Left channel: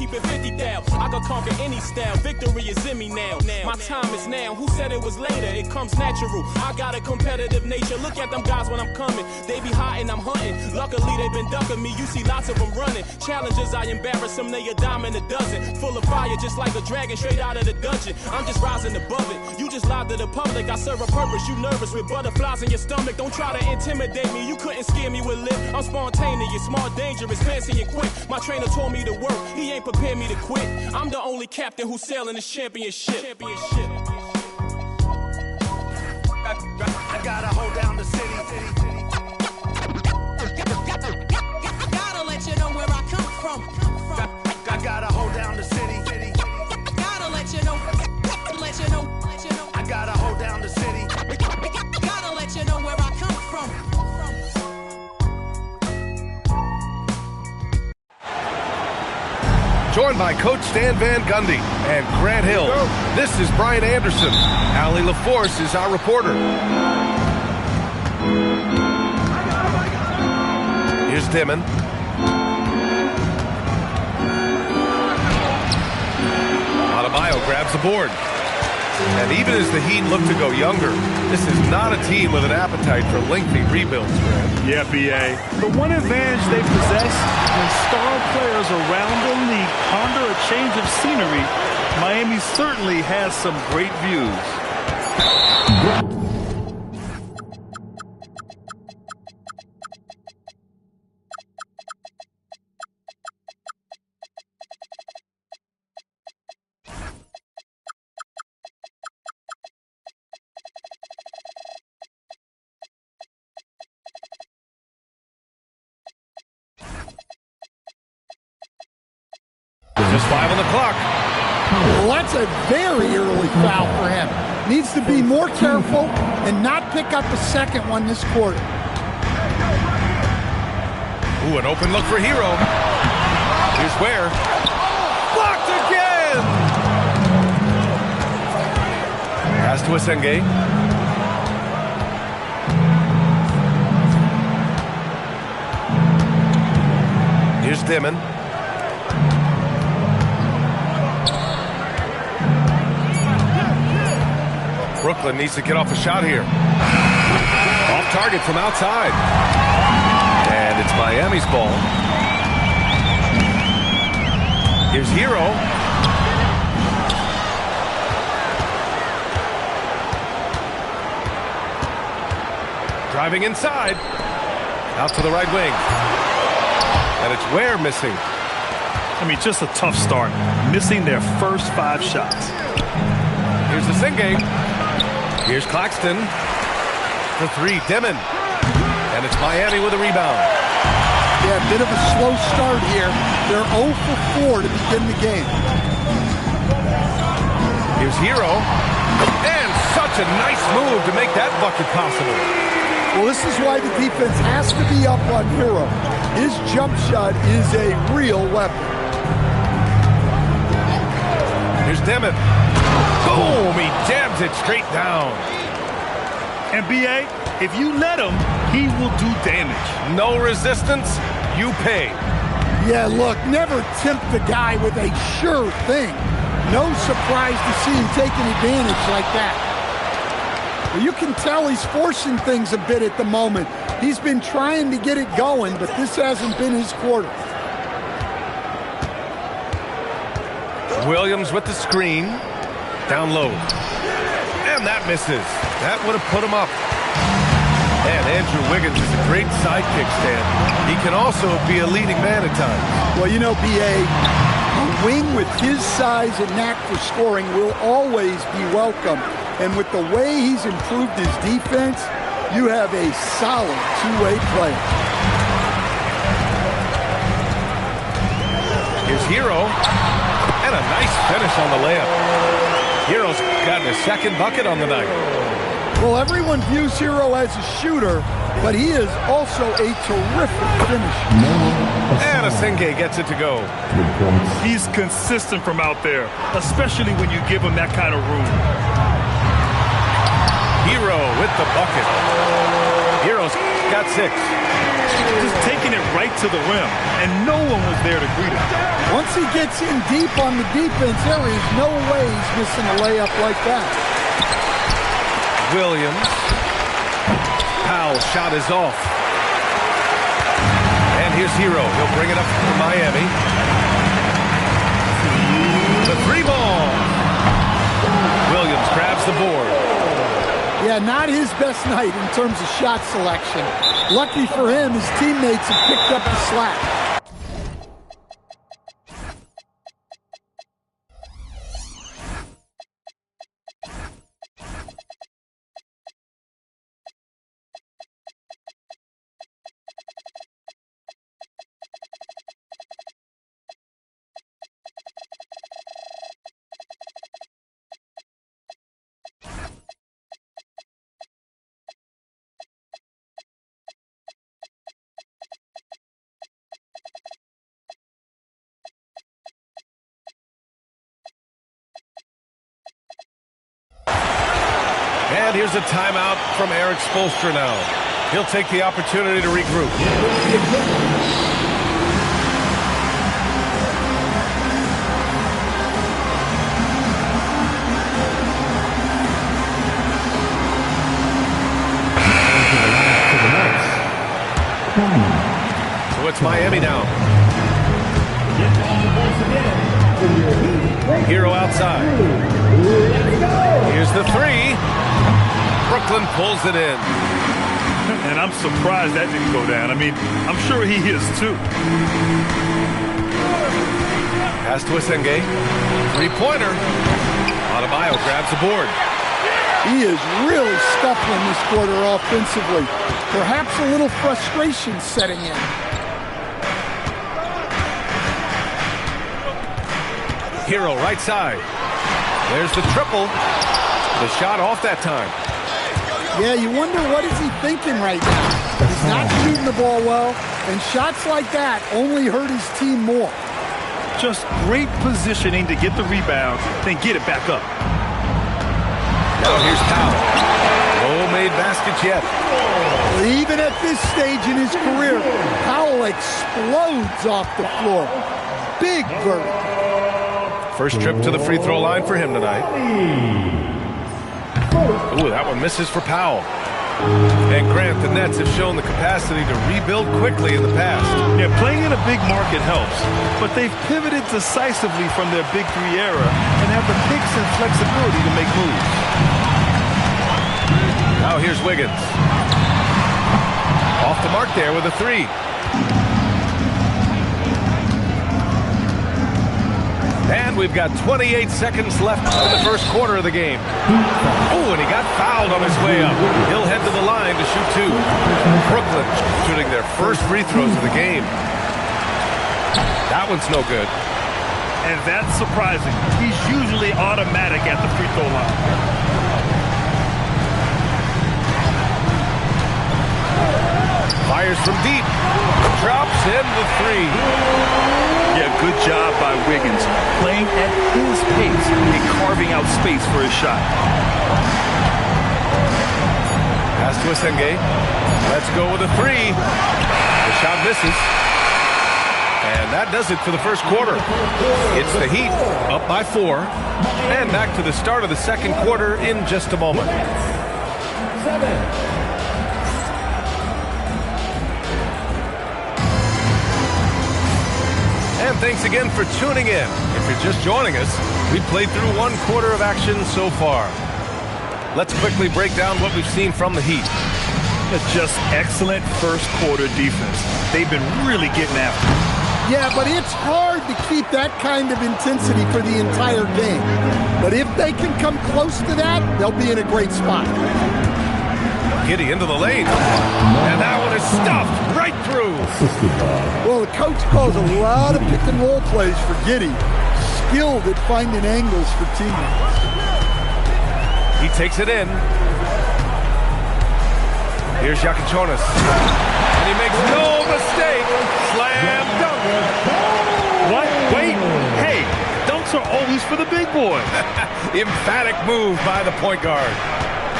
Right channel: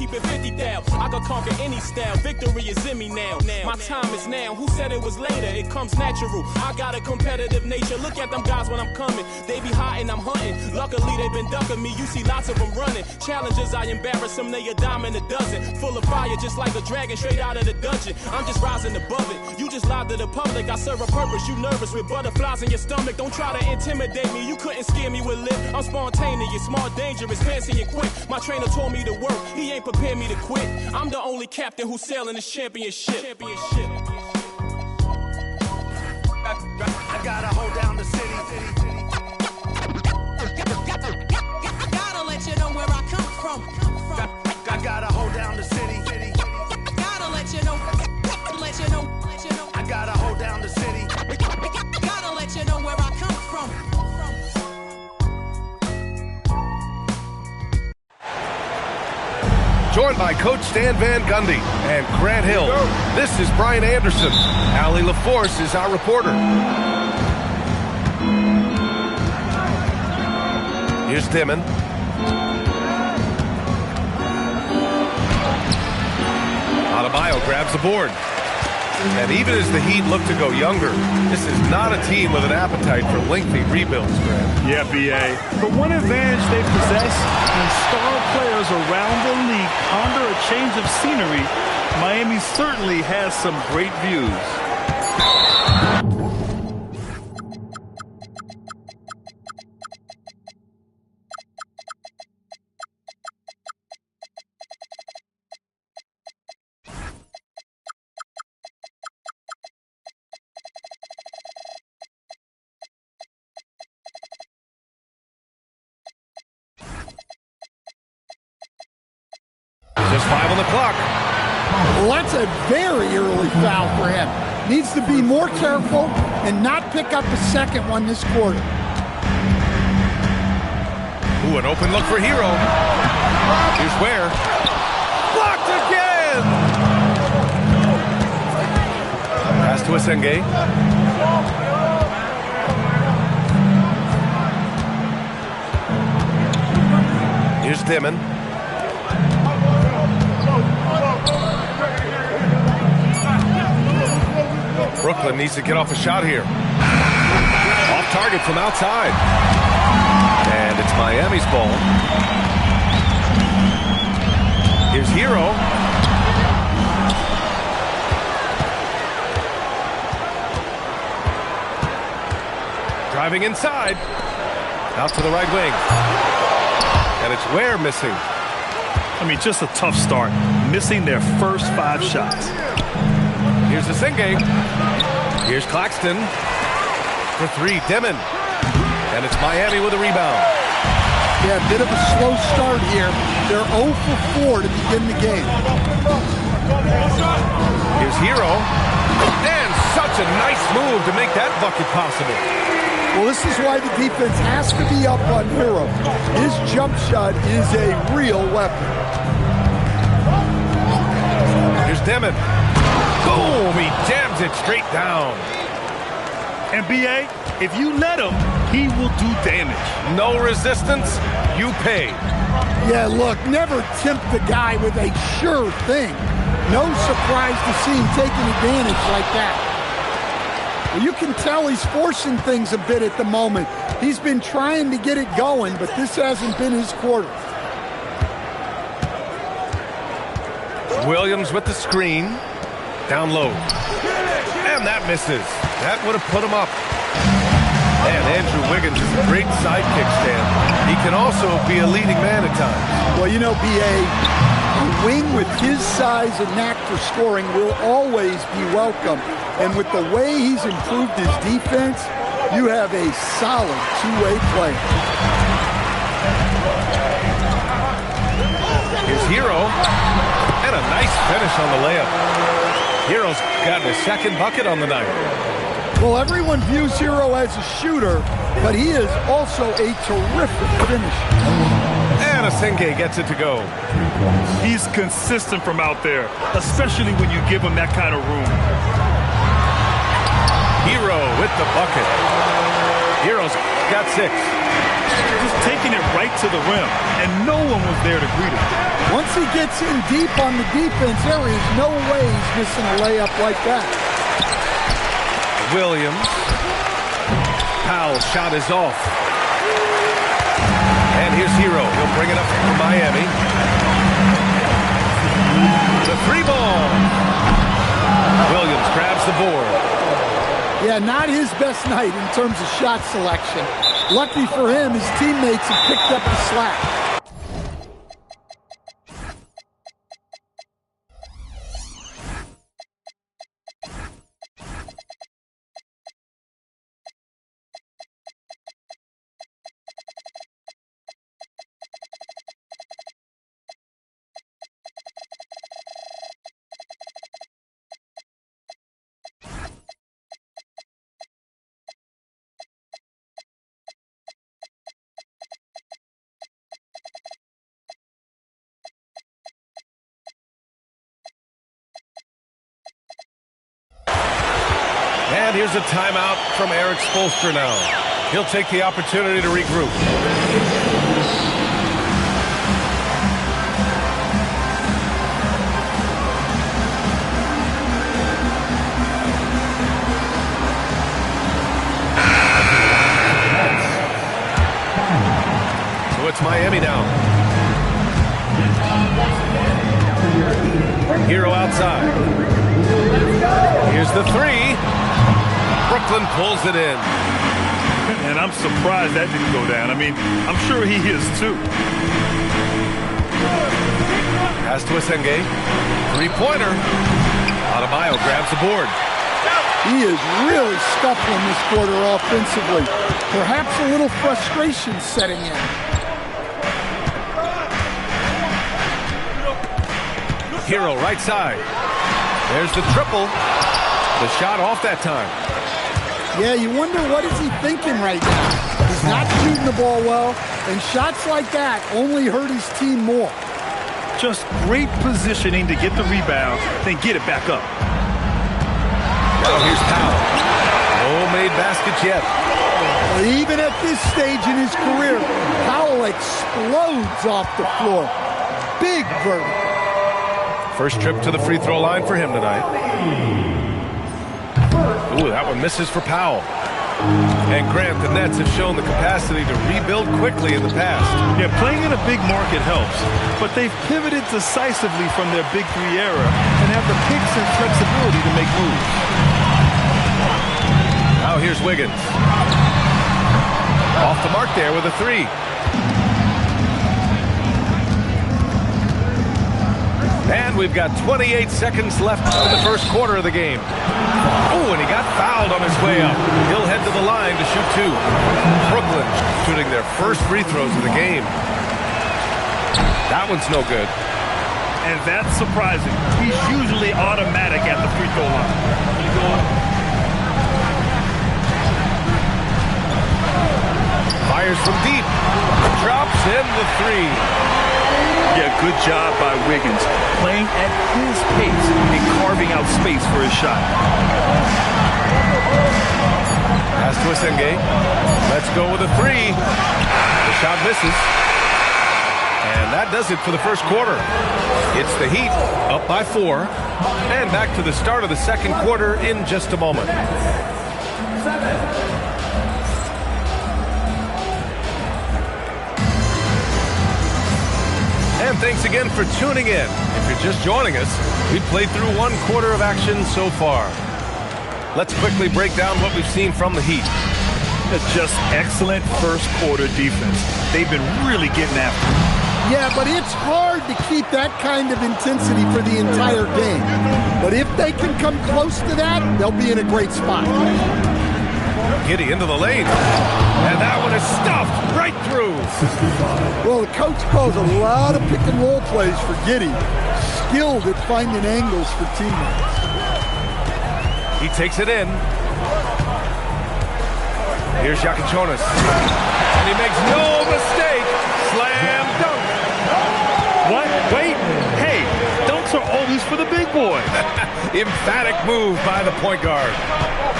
keep it 50 thou. I could conquer any style, victory is in me now. My time is now, who said it was later? It comes natural, I got a competitive nature. Look at them guys when I'm coming, they be hot and I'm hunting. Luckily they been ducking me, you see lots of them running. Challenges, I embarrass them, they a dime in a dozen. Full of fire, just like a dragon straight out of the dungeon. I'm just rising above it, you just lied to the public. I serve a purpose, you nervous with butterflies in your stomach. Don't try to intimidate me, you couldn't scare me with lip. I'm spontaneous, smart, dangerous, fancy and quick. My trainer told me to work, he ain't prepared me to quit. I'm the only captain who's sailing this championship. I gotta hold down the city. Gotta let you know where I come from. I gotta hold down the city. Gotta let you know. I gotta hold down the city. Gotta let you know where I come from. Joined by Coach Stan Van Gundy and Grant Hill. This is Brian Anderson. Allie LaForce is our reporter. Here's Dimon. Adebayo grabs the board. And even as the Heat look to go younger, this is not a team with an appetite for lengthy rebuilds, Grant. Yeah, B.A. The one advantage they possess when star players around the league ponder a change of scenery, Miami certainly has some great views. Just 5 on the clock. Well, that's a very early foul for him. Needs to be more careful and not pick up a second one this quarter. Ooh, an open look for Hero. Here's Ware. Blocked again! Pass to Asenge. Here's Dimon. Brooklyn needs to get off a shot here. Off target from outside. And it's Miami's ball. Here's Hero. Driving inside. Out to the right wing. And it's Ware missing. I mean, just a tough start. Missing their first 5 shots. Here's Asenge. Here's Claxton for 3, Dimon. And it's Miami with a rebound. Yeah, a bit of a slow start here. They're 0 for 4 to begin the game. Here's Hero. And such a nice move to make that bucket possible. Well, this is why the defense has to be up on Hero. His jump shot is a real weapon. Here's Dimon. Boom! He jams it straight down. And B.A., if you let him, he will do damage. No resistance, you pay. Yeah, look, never tempt the guy with a sure thing. No surprise to see him taking advantage like that. Well, you can tell he's forcing things a bit at the moment. He's been trying to get it going, but this hasn't been his quarter. Williams with the screen. Down low. And that misses. That would have put him up. And Andrew Wiggins is a great sidekick, Stan. He can also be a leading man at times. Well, you know, B.A., a wing with his size and knack for scoring will always be welcome. And with the way he's improved his defense, you have a solid two-way player. Here's Hero. And a nice finish on the layup. Hero's gotten a second bucket on the night. Well, everyone views Hero as a shooter, but he is also a terrific finisher. And Asenge gets it to go. He's consistent from out there, especially when you give him that kind of room. Hero with the bucket. Hero's got 6. just taking it right to the rim, and no one was there to greet him. Once he gets in deep on the defense, there is no way he's missing a layup like that. Williams. Powell's shot is off. And here's Hero. He'll bring it up for Miami. The three ball. Williams grabs the board. Yeah, not his best night in terms of shot selection. Lucky for him, his teammates have picked up the slack. And here's a timeout from Eric Spoelstra now. He'll take the opportunity to regroup. So it's Miami now. Hero outside. Here's the three. Brooklyn pulls it in. And I'm surprised that didn't go down. I mean, I'm sure he is too. Pass to Asenge. Three-pointer. Adebayo grabs the board. He is really scuffling this quarter offensively. Perhaps a little frustration setting in. Hero right side. There's the triple. The shot off that time. Yeah, you wonder what is he thinking right now. He's not shooting the ball well, and shots like that only hurt his team more. Just great positioning to get the rebound, then get it back up. Now here's Powell. No made baskets yet. Well, even at this stage in his career, Powell explodes off the floor. Big vertical. First trip to the free throw line for him tonight. Ooh, that one misses for Powell. And Grant, the Nets have shown the capacity to rebuild quickly in the past. Yeah, playing in a big market helps, but they've pivoted decisively from their Big Three era and have the picks and flexibility to make moves. Now here's Wiggins. Off the mark there with a three. And we've got 28 seconds left in the first quarter of the game. Oh, and he got fouled on his way up. He'll head to the line to shoot two. Brooklyn shooting their first free throws of the game. That one's no good. And that's surprising. He's usually automatic at the free throw line. Fires from deep. Drops in the three. Yeah, good job by Wiggins, playing at his pace and carving out space for his shot. Pass to Asenge. Let's go with a three. The shot misses. And that does it for the first quarter. It's the Heat up by 4. And back to the start of the second quarter in just a moment. And thanks again for tuning in. If you're just joining us, we've played through one quarter of action so far. Let's quickly break down what we've seen from the Heat. Just excellent first quarter defense. They've been really getting after it. Yeah, but it's hard to keep that kind of intensity for the entire game. But if they can come close to that, they'll be in a great spot. Giddey into the lane. And that one is stuffed right through. Well, the coach calls a lot of pick and roll plays for Giddey. Skilled at finding angles for teammates. He takes it in. Here's Jakučionis. And he makes no mistake. Slam dunk. What? Wait. Hey, dunks are always for the big boy. Emphatic move by the point guard.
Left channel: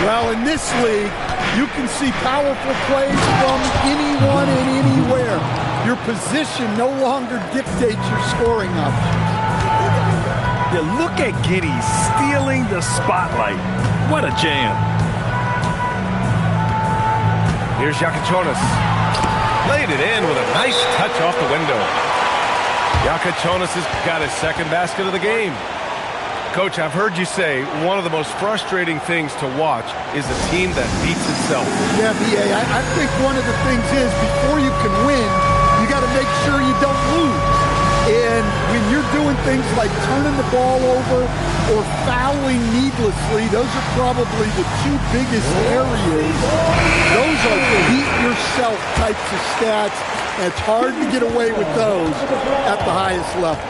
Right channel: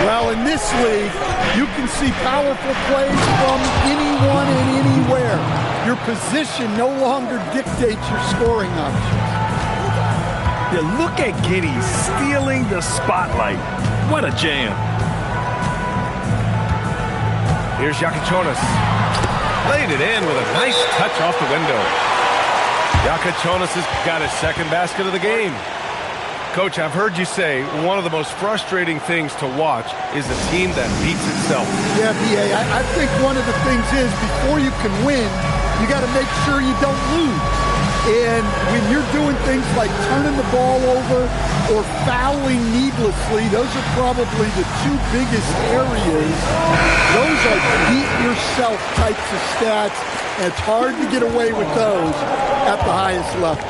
Well, in this league, you can see powerful plays from anyone and anywhere. Your position no longer dictates your scoring options. Yeah, look at Giddey stealing the spotlight. What a jam. Here's Yakachonis. Laid it in with a nice touch off the window. Yakachonis has got his second basket of the game. Coach, I've heard you say one of the most frustrating things to watch is a team that beats itself. Yeah, B.A., I think one of the things is before you can win, you got to make sure you don't lose. And when you're doing things like turning the ball over or fouling needlessly, those are probably the two biggest areas. Those are beat yourself types of stats, and it's hard to get away with those at the highest level.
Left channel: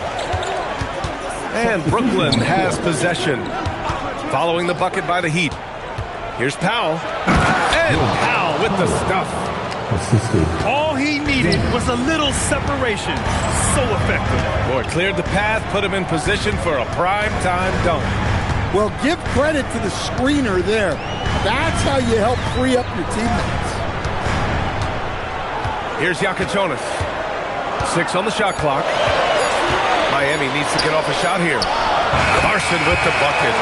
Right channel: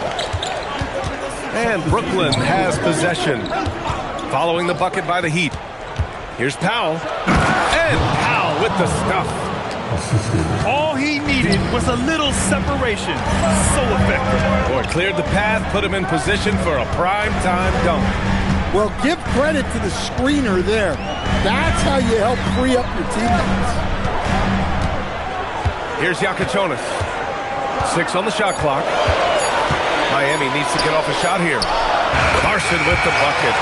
And Brooklyn has possession. Following the bucket by the Heat. Here's Powell. And Powell with the stuff. All he needed was a little separation. So effective. Boy, cleared the path, put him in position for a prime-time dunk. Well, give credit to the screener there. That's how you help free up your teammates. Here's Yakachonis. 6 on the shot clock. Miami needs to get off a shot here. Larson with the bucket.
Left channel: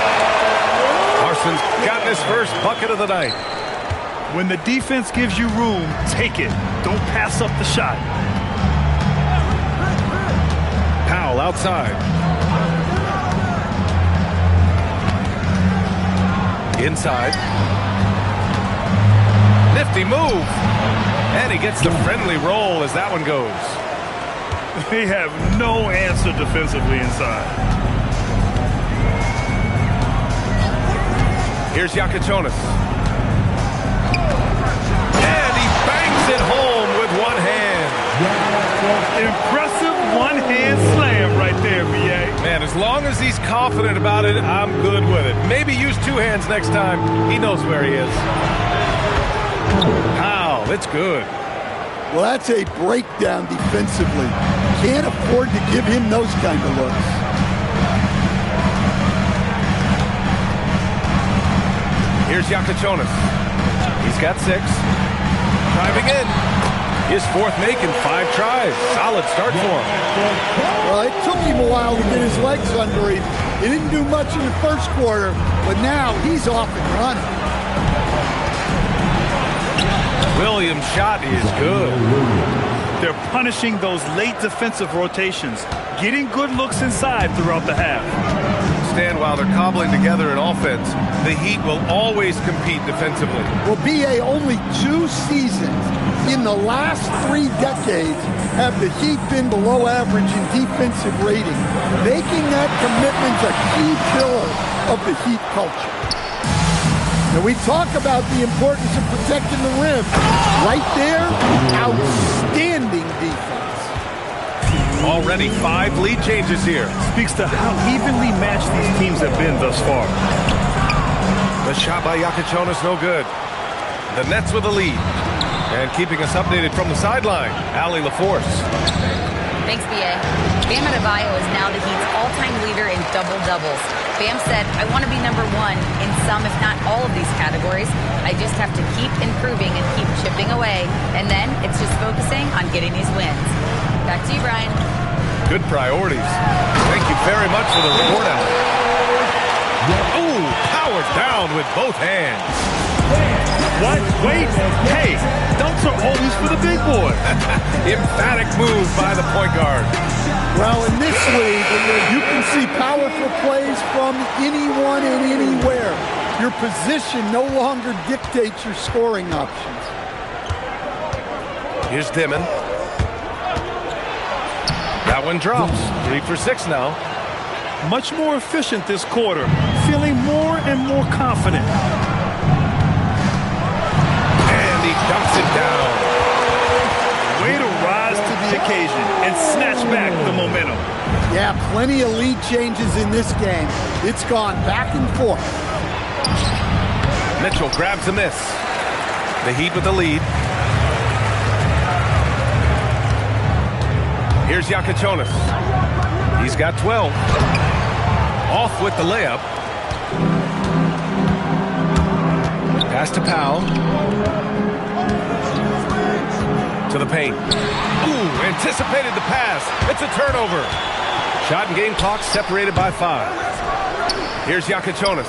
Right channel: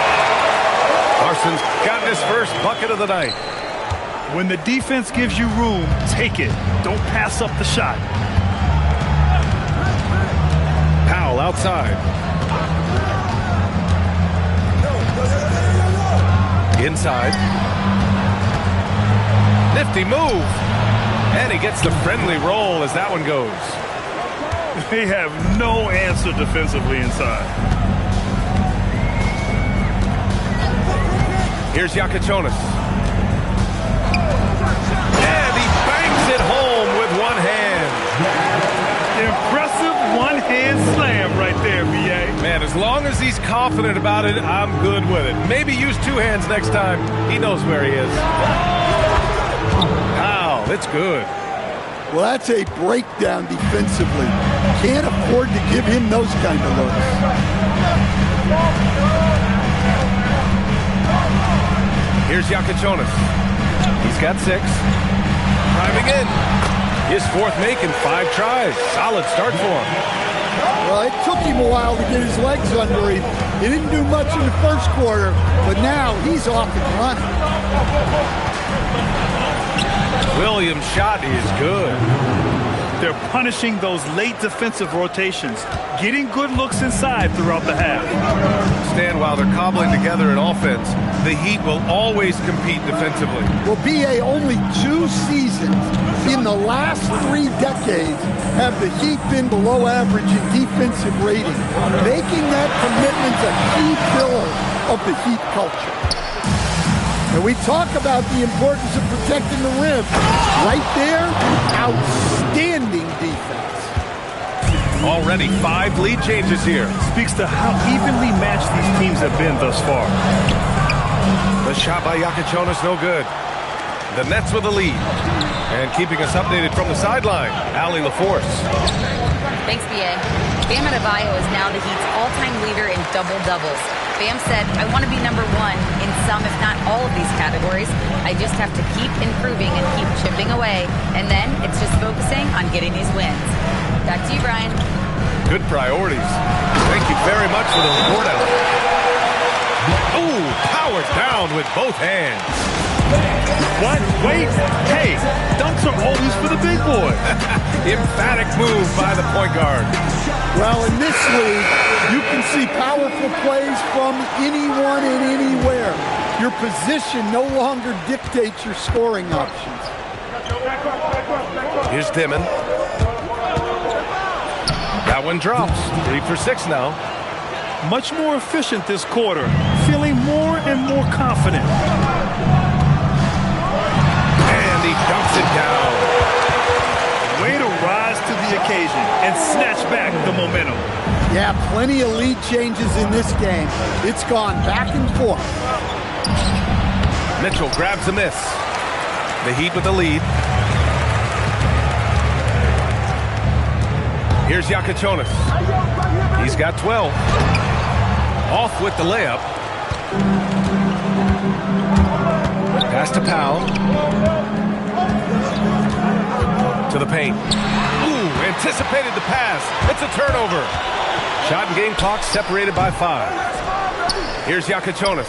Larson's gotten his first bucket of the night. When the defense gives you room, take it. Don't pass up the shot. Powell outside. Inside. Nifty move. And he gets the friendly roll as that one goes. They have no answer defensively inside. Here's Yakachonis. And he bangs it home with one hand. Impressive one-hand slam right there, B.A. Man, as long as he's confident about it, I'm good with it. Maybe use 2 hands next time. He knows where he is. Wow, it's good. Well, that's a breakdown defensively. Can't afford to give him those kind of looks. Here's Yakachonis. He's got 6. Driving in. His 4th make in 5 tries. Solid start for him. Well, it took him a while to get his legs under him. He didn't do much in the first quarter, but now he's off and running. Williams' shot is good. They're punishing those late defensive rotations, getting good looks inside throughout the half. Stan, while they're cobbling together in offense, the Heat will always compete defensively. Well, B.A., only 2 seasons in the last 3 decades have the Heat been below average in defensive rating, making that commitment a key pillar of the Heat culture. And we talk about the importance of protecting the rim. Right there, outstanding defense. Already 5 lead changes here. Speaks to how evenly matched these teams have been thus far. The shot by Yakachonis, no good. The Nets with the lead. And keeping us updated from the sideline, Allie LaForce. Thanks, B.A. Bam Adebayo is now the Heat's all-time leader in double-doubles. Bam said, I want to be number 1 in some, if not all of these categories. I just have to keep improving and keep chipping away. And then it's just focusing on getting these wins. Back to you, Brian. Good priorities. Thank you very much for the report, Allie. Ooh, powered down with both hands. What? Wait. Hey, dunks are always for the big boy. Emphatic move by the point guard. Well, in this league, you can see powerful plays from anyone and anywhere. Your position no longer dictates your scoring options. Here's Dimon. That one drops. 3 for 6 now. Much more efficient this quarter. Feeling more and more confident. And he dunks it down. Way to rise to the occasion and snatch back the momentum. Yeah, plenty of lead changes in this game. It's gone back and forth. Mitchell grabs a miss. The Heat with the lead. Here's Yakachonis. He's got 12. Off with the layup. Pass to Powell. To the paint. Ooh, anticipated the pass. It's a turnover. Shot and game clock separated by 5. Here's Yakachonis.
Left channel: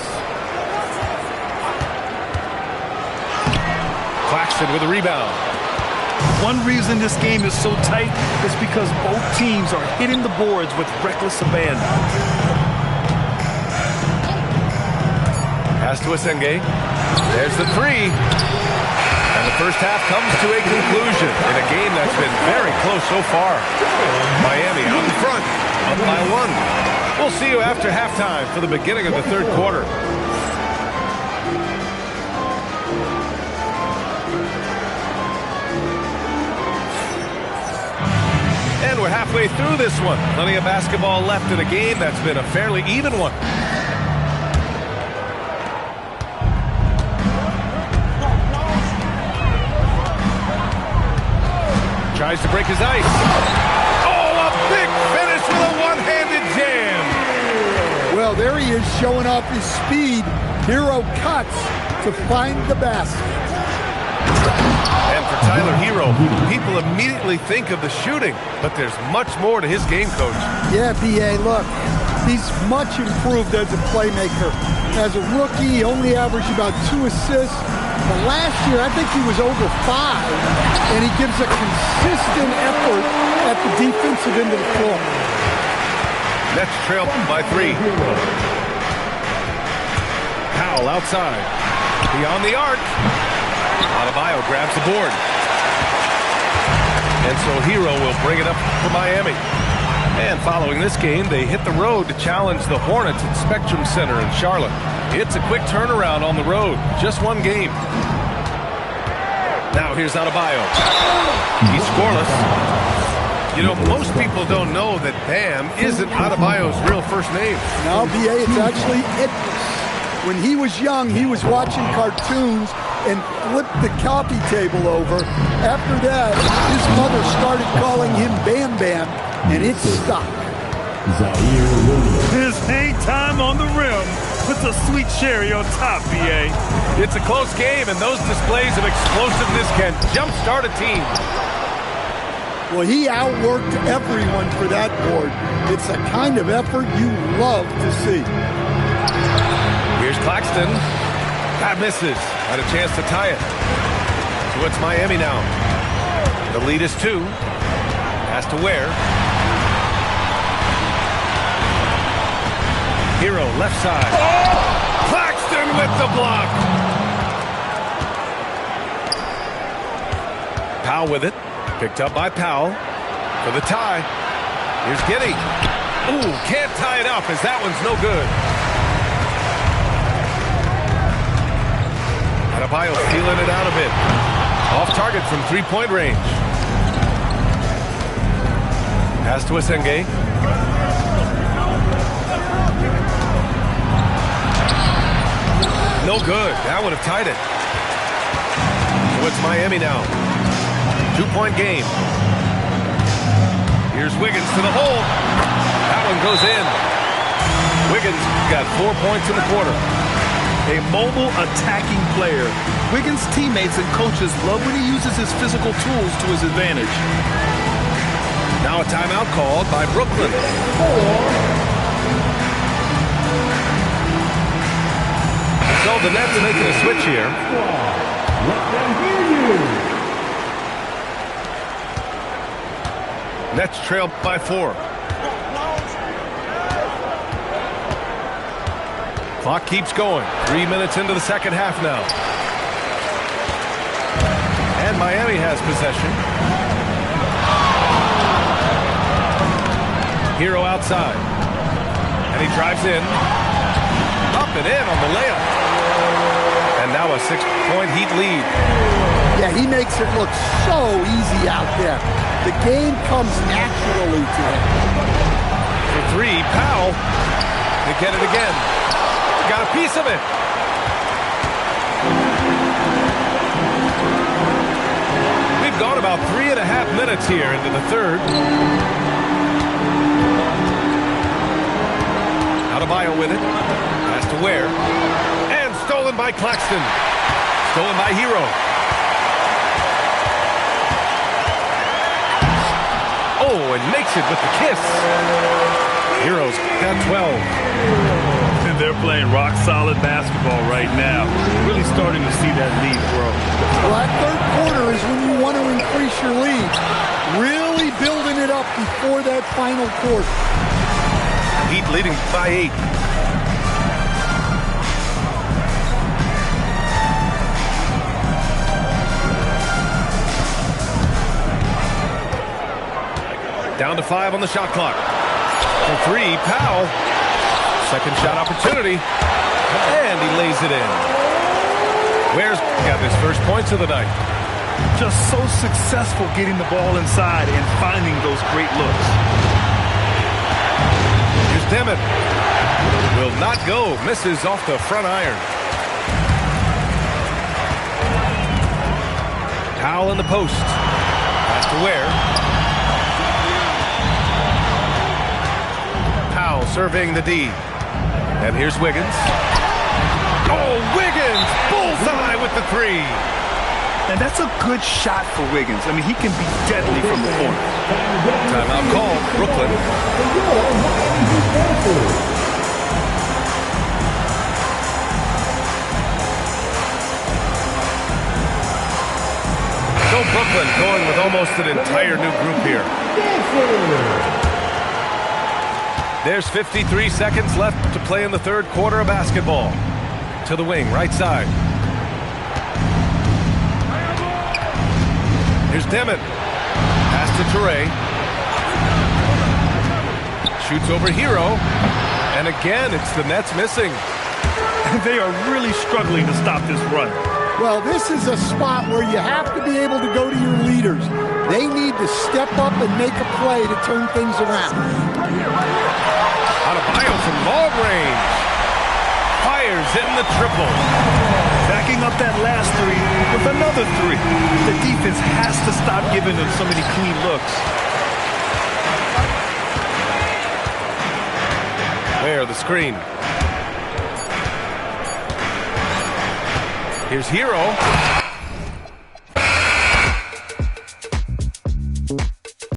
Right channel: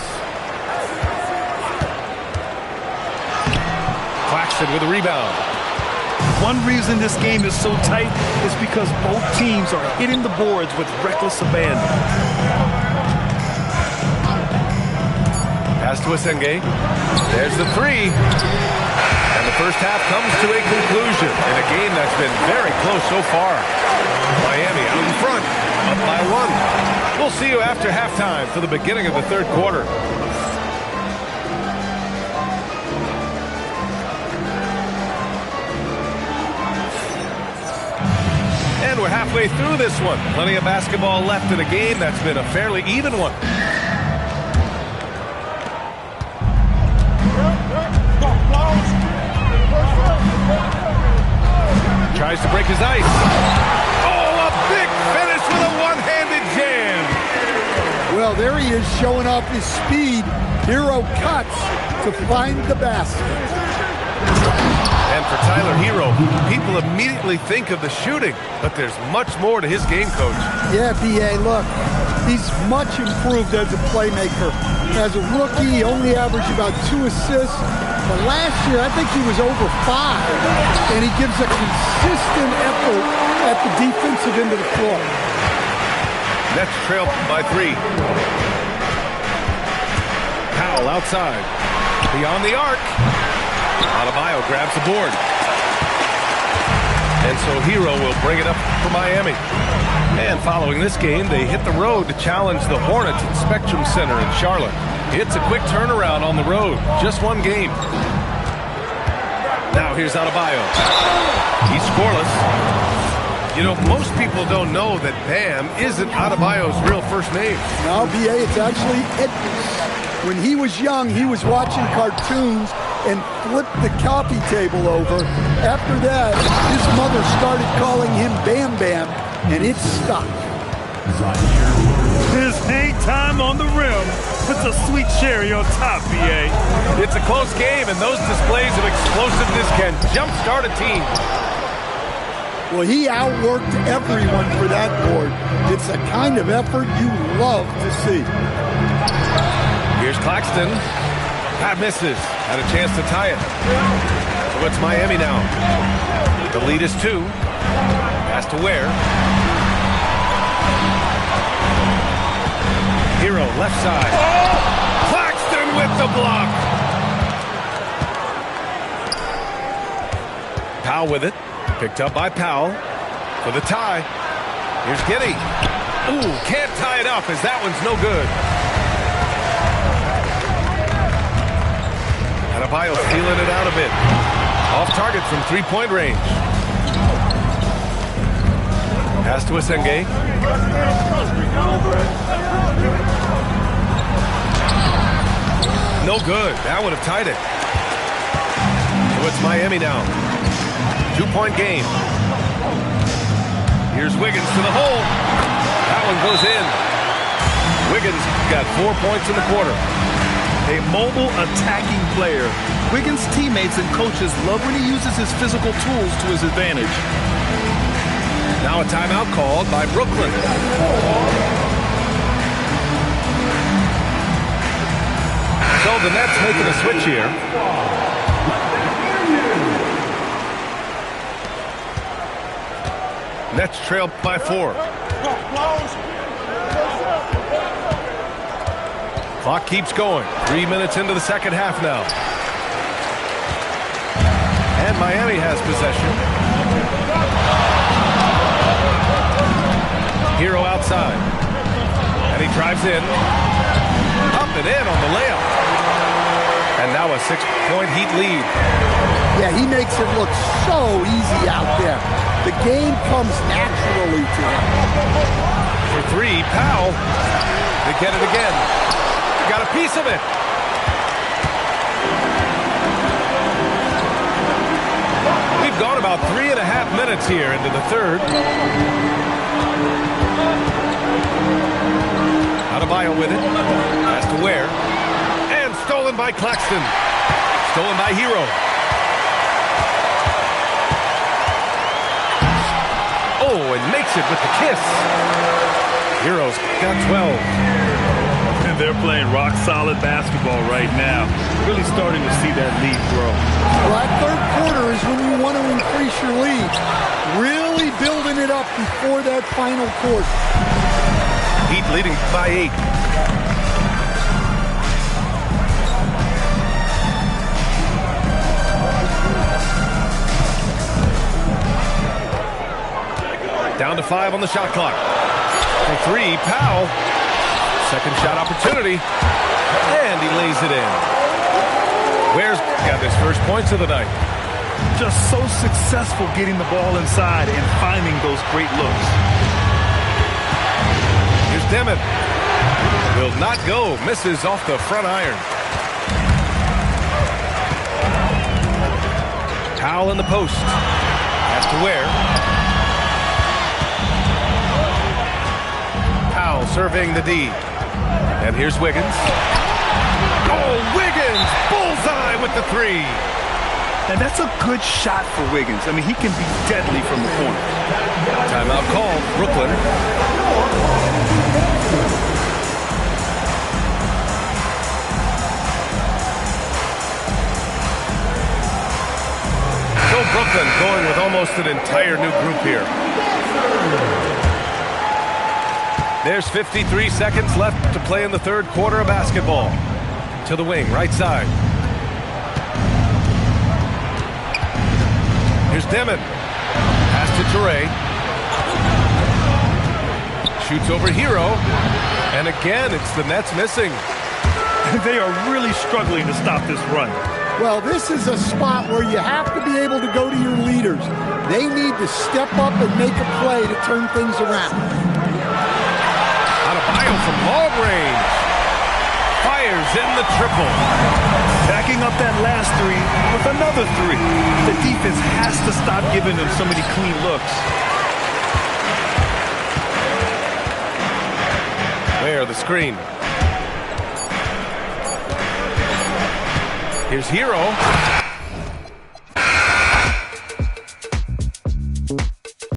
Claxton with a rebound. One reason this game is so tight is because both teams are hitting the boards with reckless abandon. Pass to Asenge. There's the 3. And the first half comes to a conclusion in a game that's been very close so far. Miami out in front, up by 1. We'll see you after halftime for the beginning of the third quarter. And we're halfway through this one. Plenty of basketball left in a game that's been a fairly even one. Tries to break his ice. Oh, a big finish with a one-handed jam. Well, there he is showing off his speed. Hero cuts to find the basket. And for Tyler Hero, people immediately think of the shooting, but there's much more to his game, Coach. Yeah, B.A., look, he's much improved as a playmaker. As a rookie, he only averaged about 2 assists. But last year, I think he was over 5, and he gives a consistent effort at the defensive end of the floor. Nets trail by 3. Powell outside. Beyond the arc. Adebayo grabs the board. And so Hero will bring it up for Miami. And following this game, they hit the road to challenge the Hornets at Spectrum Center in Charlotte. It's a quick turnaround on the road. Just one game. Now here's Adebayo. He's scoreless. You know, most people don't know that Bam isn't Adebayo's real first name. No, B.A., it's actually Idris. When he was young, he was watching cartoons and flipped the coffee table over. After that, his mother started calling him Bam Bam, and it stuck. His hang time on the rim puts a sweet cherry on top, B.A. It's a close game, and those displays of explosiveness can jumpstart a team. Well, he outworked everyone for that board. It's a kind of effort you love to see. Here's Claxton. That misses. Had a chance to tie it. So it's Miami now. The lead is 2. Pass to Ware. Hero left side. Oh! Claxton with the block. Powell with it. Picked up by Powell for the tie. Here's Giddey. Ooh, can't tie it up as that one's no good. Adebayo feeling it out a bit. Off target from three-point range. Pass to Asenge. No good. That would have tied it. So it's Miami now. 2-point game. Here's Wiggins to the hole. That one goes in. Wiggins got 4 points in the quarter. A mobile attacking player. Wiggins' teammates and coaches love when he uses his physical tools to his advantage. Now a timeout called by Brooklyn. So the Nets making a switch here. Nets trail by 4. Clock keeps going. 3 minutes into the second half now. And Miami has possession. Hero outside. And he drives in. Up and in on the layup. And now a 6-point Heat lead. Yeah, he makes it look so easy out there. The game comes naturally to him. For 3, Powell. They get it again. He got a piece of it. We've gone about 3.5 minutes here into the third. Adebayo with it. Pass to Ware. And stolen by Claxton. Stolen by Hero. Oh, and makes it with the kiss. Hero's got 12. And they're playing rock-solid basketball right now. Really starting to see that lead grow. Well, that third quarter is when you want to increase your lead. Really building it up before that final quarter. Heat leading by 8. Down to 5 on the shot clock. For 3, Powell. Second shot opportunity. And he lays it in. Ware's got his first points of the night. Just so successful getting the ball inside and finding those great looks. Here's Demit. Will not go. Misses off the front iron. Powell in the post. Pass to Ware. Powell surveying the D. And here's Wiggins. Oh, Wiggins! Bullseye with the 3. And that's a good shot for Wiggins. I mean, he can be deadly from the corner. Timeout called. Brooklyn. So Brooklyn going with almost an entire new group here. There's 53 seconds left to play in the third quarter of basketball. To the wing, right side. Here's Demit. Pass to Toure. Shoots over Hero. And again, it's the Nets missing. They are really struggling to stop this run. Well, this is a spot where you have to be able to go to your leaders. They need to step up and make a play to turn things around. Adebayo from long range. Fires in the triple. Backing up that last 3 with another 3. The defense has to stop giving them so many clean looks. Where the screen. Here's Hero.